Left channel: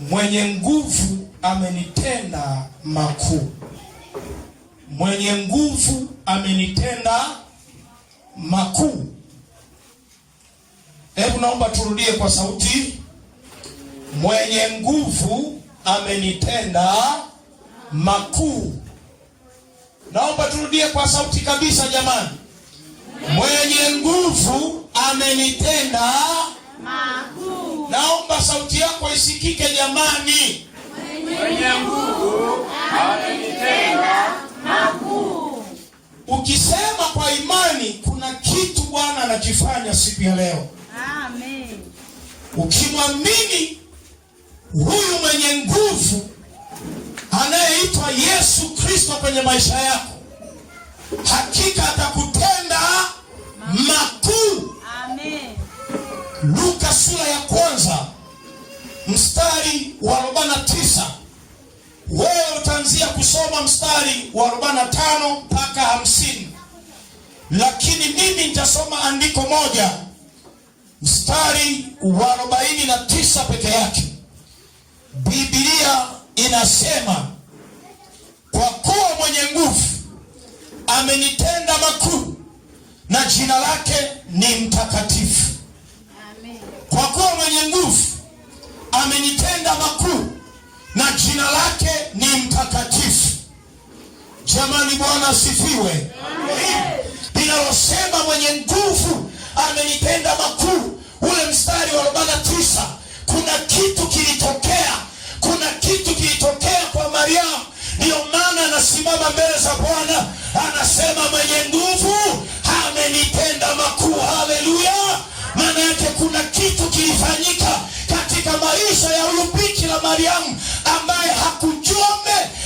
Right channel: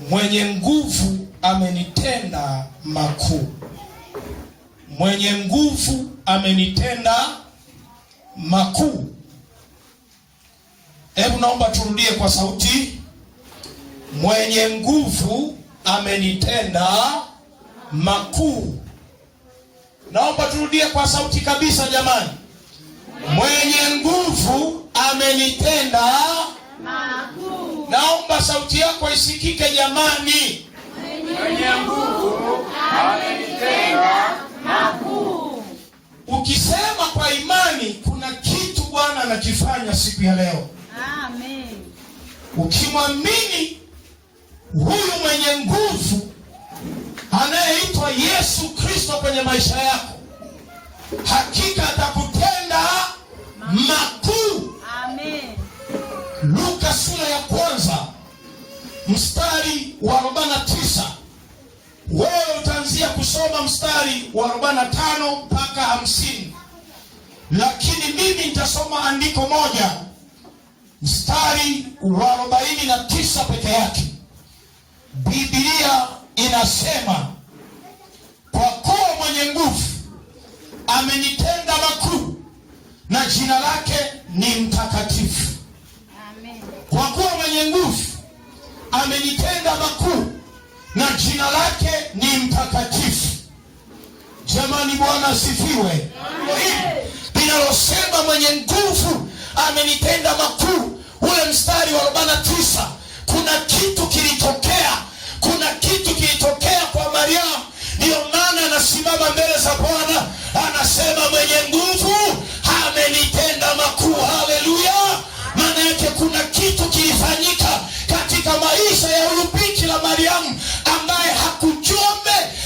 Mwenye nguvu amenitenda makuu. Mwenye nguvu amenitenda makuu. Hebu naomba turudie kwa sauti. Mwenye nguvu amenitenda makuu. Naomba turudie kwa sauti kabisa jamani. Mwenye nguvu amenitenda makuu. Naomba sauti yako isikike jamani. Mwenye nguvu amenitenda makuu. Ukisema kwa imani, kuna kitu Bwana anakifanya siku ya leo. Amen. Ukimwamini huyu mwenye nguvu anayeitwa Yesu Kristo kwenye maisha yako, hakika atakutenda makuu. Amen. Luka sura ya 1 mstari wa 49. Wewe utaanzia kusoma mstari wa 45 mpaka 50. Lakini mimi nitasoma andiko moja, mstari wa 49 peke yake. Biblia inasema, kwa kuwa mwenye nguvu amenitenda makuu na jina lake ni mtakatifu. Amen. Kwa kuwa mwenye nguvu amenitenda makuu na jina lake ni mtakatifu. Jamani, Bwana asifiwe. Inalosema mwenye nguvu amenitenda makuu, ule mstari wa 49, kuna kitu kilitokea. Kuna kitu kilitokea kwa Mariamu. Ndio maana anasimama mbele za Bwana anasema mwenye nguvu amenitenda makuu. Haleluya! Maana yake kuna kitu kilifanyika katika maisha ya huyu Bikira Mariamu ambaye hakujua,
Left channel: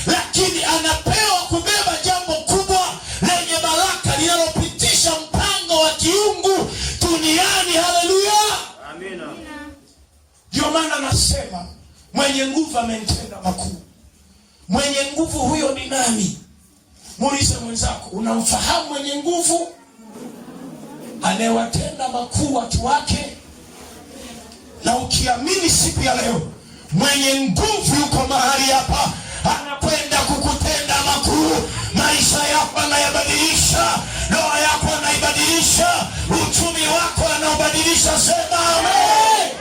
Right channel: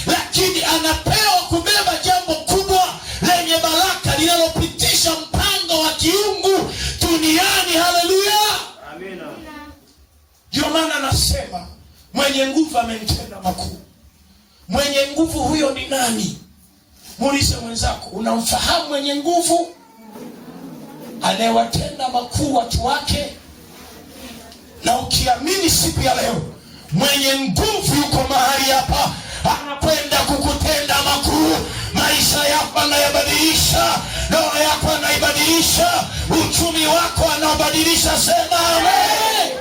lakini anapewa kubeba jambo kubwa lenye baraka linalopitisha mpango wa kiungu duniani. Haleluya! Amina. Ndio maana anasema mwenye nguvu amenitenda makuu. Mwenye nguvu huyo ni nani? Muulize mwenzako, unamfahamu mwenye nguvu anayewatenda makuu watu wake? Na ukiamini siku ya leo mwenye nguvu yuko mahali hapa, anakwenda kukutenda makuu. Maisha yako anayabadilisha, ndoa yako anaibadilisha, uchumi wako anaubadilisha. Sema amen.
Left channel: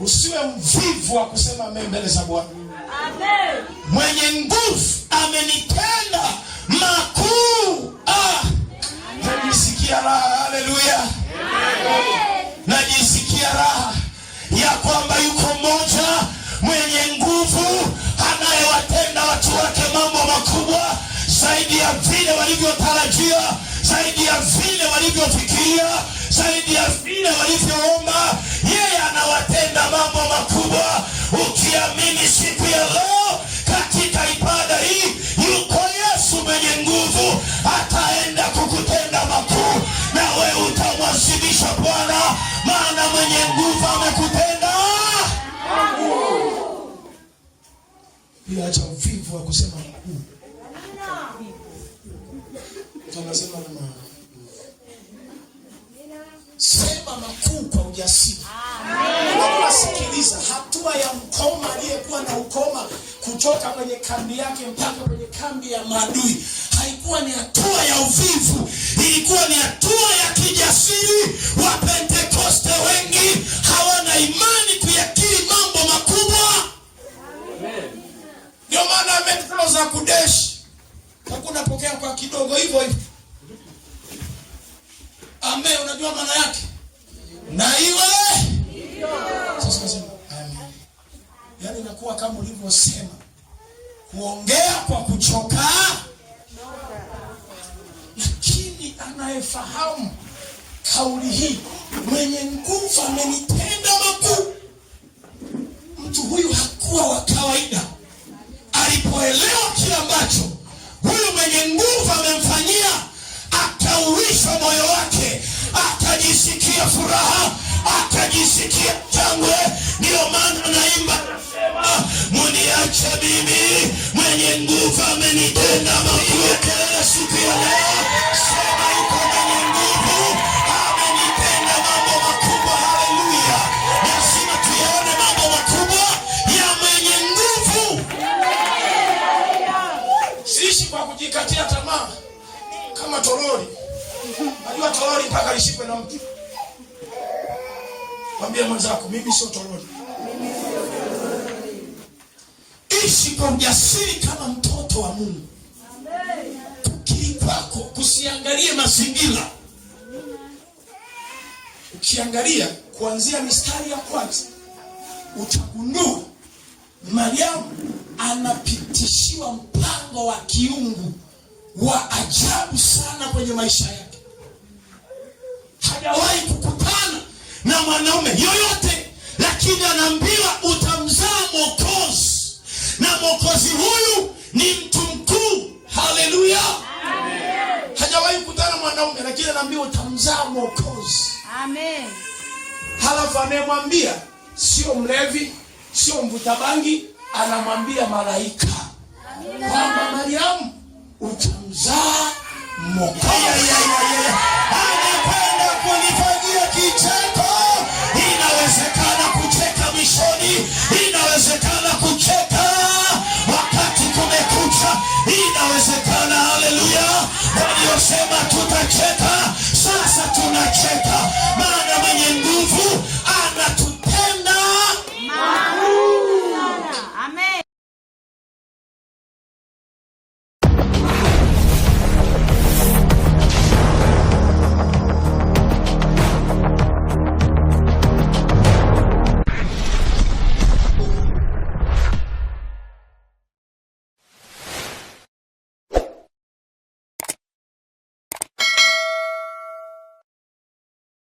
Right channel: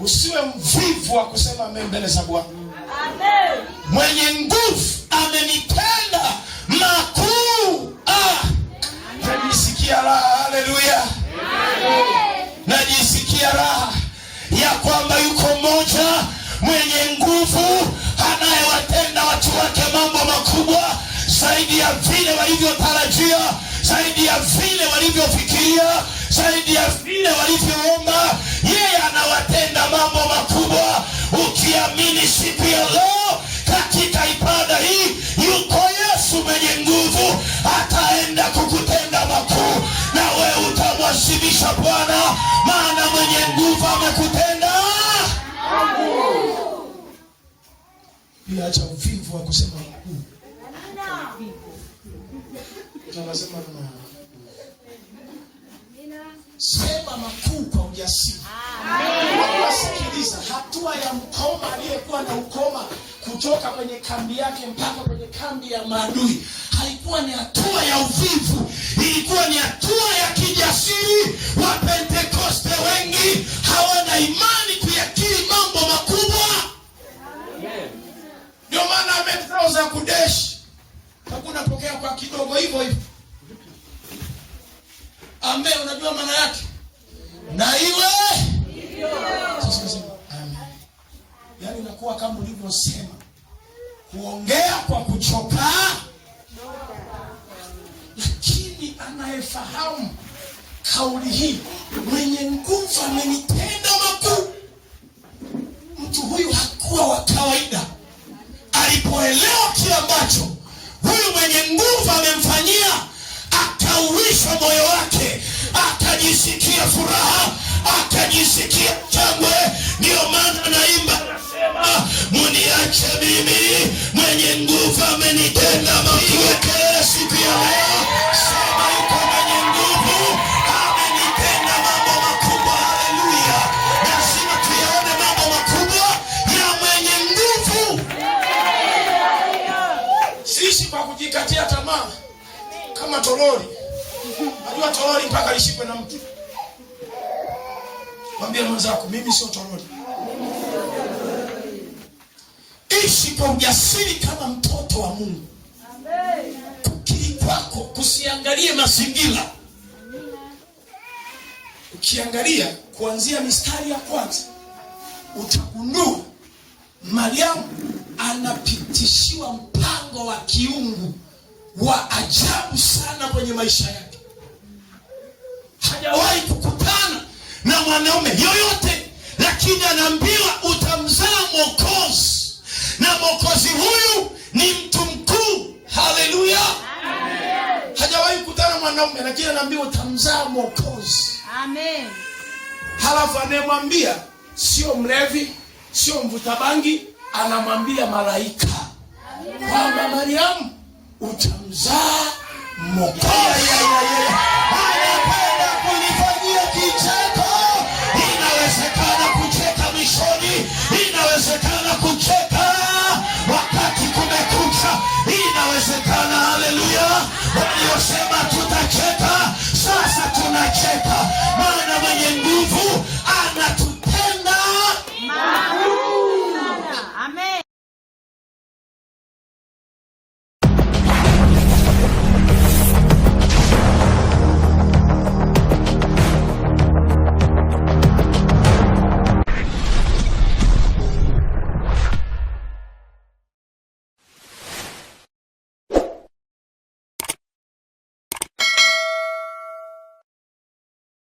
Usiwe mvivu wa kusema amen mbele za Bwana. Amen. Mwenye nguvu amenitenda makuu. Najisikia raha. Haleluya. Najisikia raha ya kwamba yuko mmoja mwenye nguvu anayewatenda watu wake mambo makubwa zaidi ya vile walivyotarajia, zaidi ya vile walivyofikiria, zaidi ya vile walivyoomba. Yeye anawatenda mambo makubwa. Ukiamini siku ya leo katika ibada hii, yuko Yesu mwenye nguvu, ataenda kukutenda makuu, na wewe utamwasilisha Bwana, maana mwenye nguvu amekutenda makuu. Bila acha uvivu wa kusema makuu. Tunasema sema makuu kwa ujasiri. Sikiliza, hatua ya mkoma aliyekuwa na ukoma kutoka kwenye kambi yake mpaka kwenye kambi ya maadui haikuwa ni hatua ya uvivu, ilikuwa ni hatua ya kijasiri. Wa Pentekoste wengi hawana imani kuyakiri mambo makubwa. Ndio maana ameproza kudeshi, hakuna pokea kwa kidogo hivyo hivyo. Amen. Unajua maana yake? Na iwe sasa nasema amen. Yaani inakuwa kama ulivyosema, kuongea kwa kuchoka. Lakini anayefahamu kauli hii, mwenye nguvu amenitenda makuu, mtu huyu hakuwa wa kawaida. Alipoelewa kile ambacho huyu mwenye nguvu amemfanyia, akauisha moyo wake, akajisikia furaha, akajisikia shangwe. Ndio maana naimba, muniache mimi, mwenye nguvu amenitenda makuu. Siku ya leo sema yuko mwenye nguvu amenitenda mambo makubwa. Haleluya. Lazima tuyaone mambo Mwambie mwenzako, mimi sio toroli. Ishi kwa ujasiri kama mtoto wa Mungu. Kukiri kwako kusiangalie mazingira. Ukiangalia kuanzia mistari ya kwanza, utagundua Mariamu anapitishiwa mpango wa kiungu wa ajabu sana kwenye maisha yake. Hajawahi kukutana na mwanaume yoyote, lakini anaambiwa utamzaa Mwokozi, na Mwokozi huyu ni mtu mkuu. Haleluya, amen. Hajawahi kukutana na mwanaume, lakini anaambiwa utamzaa Mwokozi. Amen. Halafu anayemwambia sio mlevi, sio mvuta bangi, anamwambia malaika kwamba Mariamu utamzaa Mwokozi.